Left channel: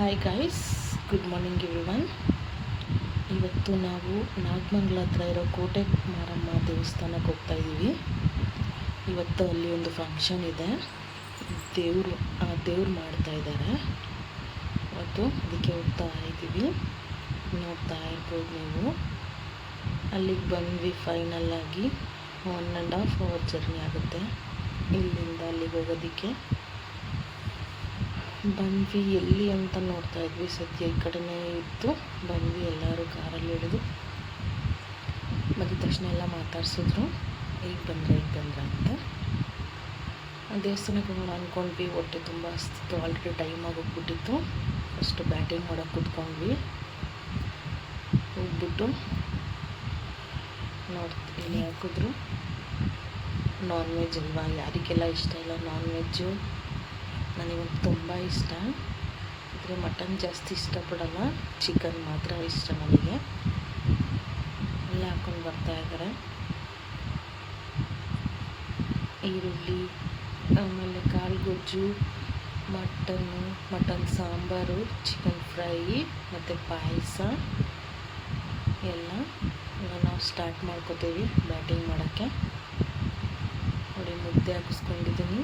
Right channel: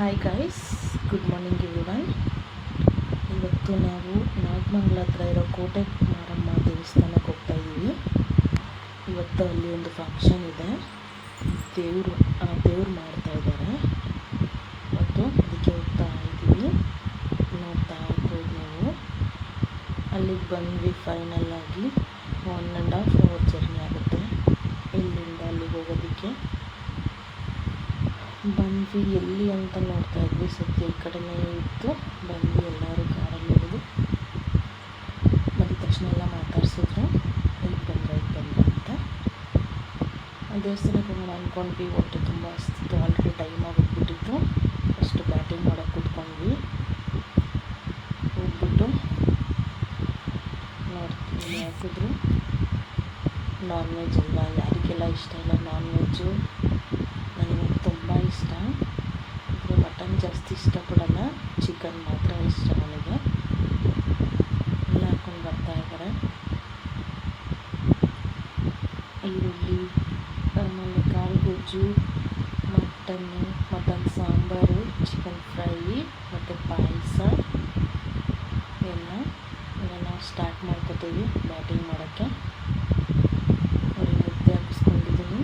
Hi guys good morning everyone ಇವತ್ತು ನಾವು ನಾಗಮಂಗ್ಲ ಹತ್ರ ಇರೋ ಕೋಟೆ ಮಾರಮ್ಮ ದೇವಸ್ಥಾನಕ್ಕೆ ಹೋಗ್ತಾ ಇದ್ದೀವಿ. ಇವತ್ತು ಅಲ್ಲಿ ಒಂದು ಫಂಕ್ಷನ್ ಇದೆ. ದೇವರು, ಆ ದೇವ್ರು ಮಾಡ್ತಾ ಇದ್ದಾರೆ. ಇವತ್ತು ಅದಕ್ಕೆ ಹೋಗ್ತಾ ಇದ್ದೀವಿ. ನೋಡ್ತಾ ಇರ್ಬೋದು ನೀವು. ಅಲ್ಲಿಗೆ ಬಂದ್ವಿ ಫೈನಲ್ ಆಗಿ. One and half hour journey ಆಗುತ್ತೆ. ಇಲ್ಲಿಂದ ಅಲ್ಲಿಗೆ ಹೋಗೋದಕ್ಕೆ. ಬಂದ್ವಿ. ಎಲ್ಲಿ ಅಂತ ನೋಡ್ತಾ ಇದ್ವಿ. ಸದ್ಯ ಈ ಕಡೆನೇ ಇತ್ತು. ಬಂದ್ವಿ. ಎಲ್ಲರೂ ಕಾರಲ್ಲಿ ಇಳಿದು ಬಂದಿದ ತಕ್ಷಣ ಎಲ್ಲ ಮಾತಾಡ್ಸಿದ್ರು. ಈಗ ಬಂದ್ರೆ ಈಗ ಬಂದ್ರೆ ಅಂತ. ದೇವಸ್ಥಾನಕ್ಕೆ ಹೋಗೋಣ ಅಂದ್ಕೊಂಡ್ವಿ ಹೊಟ್ಟೆ ತುಂಬ ಹಸ್ತಿತ್ತು. ಆಲ್ರೆಡಿ ಟೈಮ್ ಆಗೋಗ್ಬಿಟ್ಟಿತ್ತು. ಫಸ್ಟ್ ಬ್ಯಾಟಿಂಗ್ ಮಾಡೋಕ್ಕೆ ಕೂತ್ಕೊಂಡ್ವಿ. ಹೋಗ್ಬಿಟ್ಟು ನೋಡ್ತೀನಿ ಹಾಕಿದ್ರು. ನಾನ್ ವೆಜ್ ಅಲ್ವಾ? ಯಾರಿಗೆಲ್ಲ ಇಷ್ಟ ಇಲ್ಲ ನಾನ್ ವೆಜ್ಜು? ನನಗೆ ತುಂಬ ಇಷ್ಟ. ಆದರೆ ಮಟನ್ ಜಾಸ್ತಿ ಇಷ್ಟಪಡಲ್ಲ. ಚಿಕನ್ ಮಾತ್ರ ಇಷ್ಟ ನನಗೆ. ಎಲ್ಲ ಹಾಕ್ಕೊಂಡು ಬರ್ತಾ ಇದ್ದಾರೆ ಈರುಳ್ಳಿ, ಆಮೇಲೆ ಕಾಳು ಗೊಜ್ಜು mutton, mutton sambar, chicken fry, ಮತ್ತು ಪಾಯಸ. ಎಲ್ಲ ಈಗ ನಾವು ಸ್ಟಾರ್ಟ್ ಮಾಡ್ಕೋತೀವಿ ಬ್ಯಾಟಿಂಗ್ ಮಾಡೋಕ್ಕೆ. ಅವ್ರಿಗೆ ಮುದ್ದೆ ಹಾಕಿಸ್ಕೊಂಡಿದ್ದೀನಿ.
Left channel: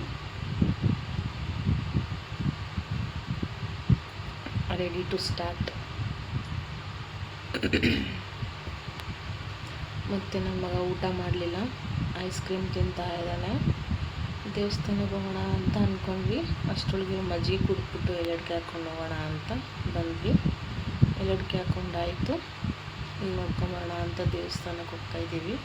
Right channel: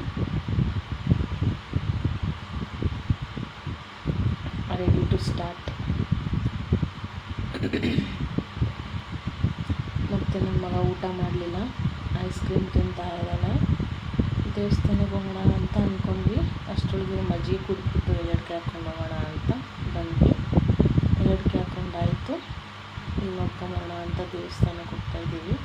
ರೆಡಿ ಟು ಸ್ಟಾರ್ಟ್ ಮತ್ತು ನನ್ನ ಮಗ ಊಟ ಮಾಡಲಿಲ್ಲ. ಐಸ್ ಕ್ರೀಮ್ ತಿಂತಾ ಇದ್ದಾನೆ. ದೇವಸ್ಥಾನಕ್ಕೆ ಹೋಗೋಣ ಅಂತ ಅಂದ್ಕೊಂಡ್ವಿ ಅಷ್ಟರೊಳಗೆ ಮಜ್ಜಿಗೆ ಕುಡಿದ್ಬಿಟ್ಟು ಎಲ್ಲಡ್ಕೆ ಹಾಕ್ಕೊಂಡು ಹೋಗೋಣ ಅಂತ ಬಂದ್ವಿ. ಎಲ್ಲಡ್ಕೆ ಹಾಕ್ಕೊಂಡಾಯಿತು ಇಲ್ಲಿ ನೋಡ್ಕೊಂಬರೋಣ ಅಂತ ದೇವಸ್ಥಾನಕ್ಕೆ ಹೋಗ್ತಾ ಇದ್ದೀವಿ.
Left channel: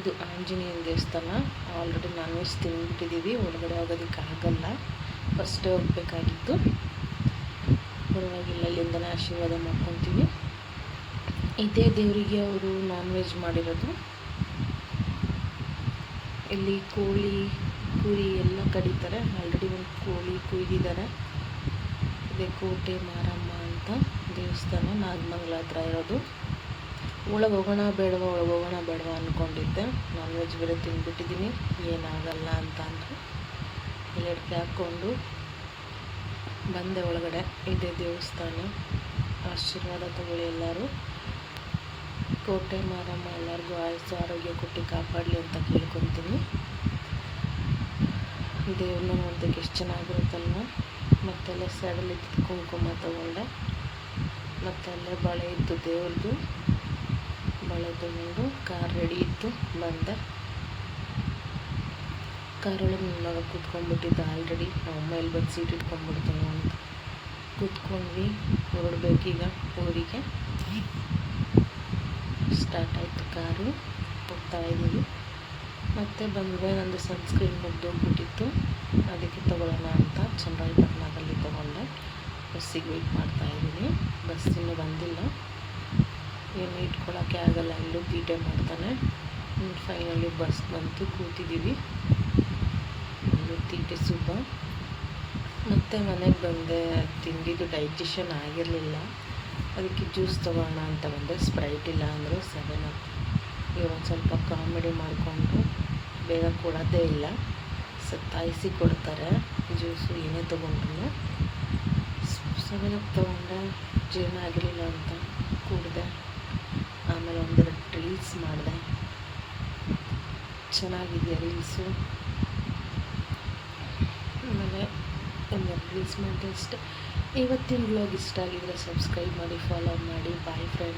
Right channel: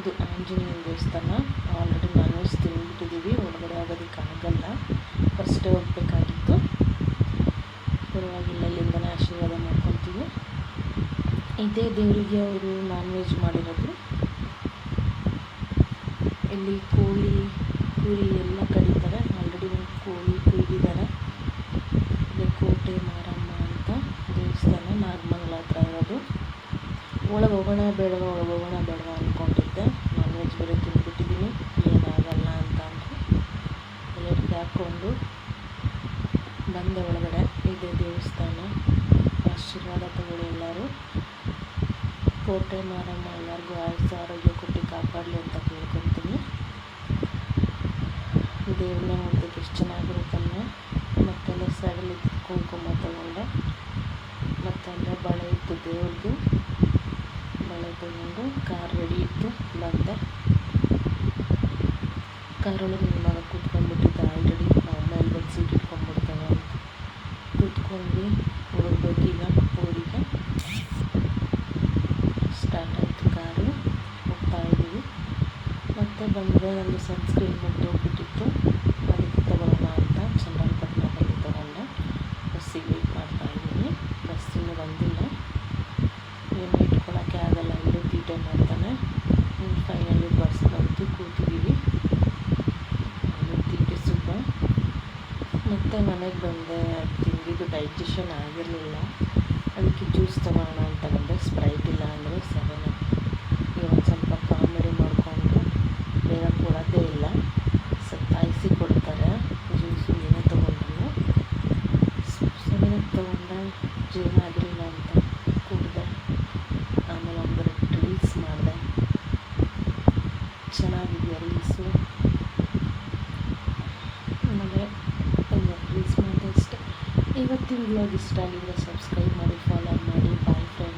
ಇದು ಆಂಜನೇಯನ ದೇವಸ್ಥಾನ. ಆಲ್ರೆಡಿ ನಾನ್ ವೆಜ್ ತಿಂದ್ಬಿಟ್ಟಿದ್ದೀವಿ. ಒಳಗಡೆ ಹೋಗೋದಕ್ಕೆ ಆಗಲ್ಲ. ಫಸ್ಟೇ ಹೋಗ್ಬೇಕಾಗಿತ್ತು. ಪರವಾಗಿಲ್ಲ ಇಲ್ಲಿಂದನೇ ಆಶೀರ್ವಾದ ಮಾಡ್ಕೊತೀವಿ ಇದೇ ದೇವರಿಗೆ ಅವರು ನಾನ್ ವೆಜ್ ಮಾಡಿರೋದು. ಇಲ್ಲಿ ಕೋಳಿ ಕುರಿ ಎಲ್ಲ ಕಡಿತಾರೆ. ಆಲ್ರೆಡಿ ಒಂದು ಕೋಳಿ ಕುಯ್ದಿದ್ದಾರೆ ಇದೇ ಕೋಟೆ ಮಾರಮ್ಮ ಅಂತ ದೇವಸ್ಥಾನ, ನಾಗಮಂಗಲ ಹತ್ರ ಇರೋದು. ಒಳಗೆ ಹೋಗೋಣ ಬೇಡವ, ಒಳಗೆ ಹೋಗೋಣ ಬೇಡವ ಅಂದ್ಕೊಂಡಿದ್ದೆ ನಾನ್ ವೆಜ್ ಬೇರೆ ತಿಂದ್ಬಿಟ್ಟಿದ್ದೀನಿ. ಏನಾಗಲ್ಲ ಅಂತ ಅಂದರು. ಎಲ್ಲರಿಗೆ ಹಾಕ್ಕೊಂಡು ಬಂದೆ ಒಳಗಡೆ, ಇದೆ ದೇವಸ್ಥಾನ. ಆಶೀರ್ವಾದ ತಗೊಳ್ಳಿ ಎಲ್ಲರೂ. ಕೋಟೆ ಮಾರಮ್ಮ ಎಲ್ಲರಿಗೂ ಆಯಸ್ಸು, ಆರೋಗ್ಯ ಕೊಟ್ಟು ಕಾಪಾಡಲಿ ಅಂತ ಕೇಳ್ಕೊತೀನಿ. ದೇವ್ರನ್ನ ನೋಡೋದಕ್ಕೆ ಎಷ್ಟು ಚೆನ್ನಾಗಿರುತ್ತಲ್ವ? ಮತ್ತೆಲ್ಲ ಸೈಡಲ್ಲಿ ಕುಂಕುಮ ತಗೊಂಡೆ. ಮತ್ತು ಅಲ್ಲೇ ಬಳೆ ಇತ್ತು ದೇವ್ರದ್ದು ಬಳೆ ತಗೊಂಡು ಕಾರ್ ರೆಡಿ ಇತ್ತು, ಬಂದೆ. ಕಾರೊಳಗೆ ನನ್ನ ಮಗ ಕೂತ್ಕೊಂಡ್ಬಿಟ್ಟಿದ್ದ ಆಲ್ರೆಡಿ ನಮ್ಮ ಇಲ್ಲಿ ಬಂದು ಸೀಟ್ ಇಟ್ಕೊಂಡ್ಬಿಡ್ತಾವೆ ಅಂತ. ಕೂತ್ಕೊಂಡ್ವಿ, ಹೊರಡ್ಬೇಕೀಗ ಊರಿಗೆ. ಸ್ಟಾರ್ಟ್ ಆಯಿತು ಕಾರು, ಹೋಗ್ತಾ ಇದ್ದೀವಿ. ಮತ್ತು ಬಂದರೆ ನಂದು ಸನ್ಸ್ಕ್ರೀನ್ ಮುಗ್ದೋಗ್ಬಿಟ್ಟಿತ್ತು. ಅದಕ್ಕೆ ತೊಗೊಳ್ಳೋಣ ಅಂತ ಚನ್ನರಾಯಪಟ್ಟಣದಲ್ಲಿ ತೊಗೊಂಡೆ. ಬಸ್ಸಿಗೆ ವೆಯ್ಟ್ ಮಾಡ್ತಾ ಇದ್ದೀನಿ. ಬಸ್ ಇನ್ನೂ ಬಂದಿಲ್ಲ. ಏನು ಇಟ್ಕೊಳ್ಳೋಕ್ಕೆ ಆಗಲ್ಲ, ಇಲ್ಲೂ ತೀಟೆ ಮಾಡ್ತಾನೆ. ಫೈನಲಿ ಬಸ್ ಬಂತು, ಕೂತಿದ್ದೀವಿ ತೀಟೆ ಸುಬ್ಬ ಮತ್ತು ಮನೆಗೆ ಬಂದೆ, ತಿಂದಿದ್ದು ಡೈಜೆಷನ್ ಆಗಿರಲಿಲ್ಲ. ಅದಕ್ಕೆ ಜ್ಯೂಸ್ ತೊಗೊಳ್ಳೋಣ ಅಂತ ಬಂದೆ. ಸ್ಪ್ರೈಟ್ ಇಲ್ಲ ಅಂದರು ಸೆವೆನ್ ಅಪ್ ಈಗ ಒಂದು ಸ್ವಲ್ಪ ಕಾಮಿಡಿ ಮಾಡಿಕೊಂಡು ಬೇಗ ಕೊಡೋದೇ ಇಲ್ಲ. ಸತ್ತಾಯಿಸಿ ಕೊಡ್ತಾರೆ. ಜ್ಯೂಸು ಏನೇ ತೊಗೊಂಡ್ರು ಸೆವೆನ್ ಅಪ್ ತೊಗೊಂಡೆ. ಜೀರ್ಣ ಆಗಿರಲಿಲ್ಲ ಅಂತ ಕುಡಿದೆ. ಆಮೇಲೆ ಒಂದೆರಡು ರೀಲ್ಸ್ ಮಾಡಿದೆ. ಚೆನ್ನಾಗಿದೆಯಾ ರೀಲ್ಸು ರೀಲ್ಸ್ ಮಾಡಿದೆ ಅಷ್ಟೆ ಇವತ್ತಿನ ವ್ಲಾಗ್ ಇಷ್ಟ ಆಗಿದ್ರೆ ಸಬ್ಸ್ಕ್ರೈಬ್ ಮಾಡಿ ಫಾಲೋ ಮಾಡಿ ಬಾಯ್ ಫ್ರೆಂಡ್ಸ್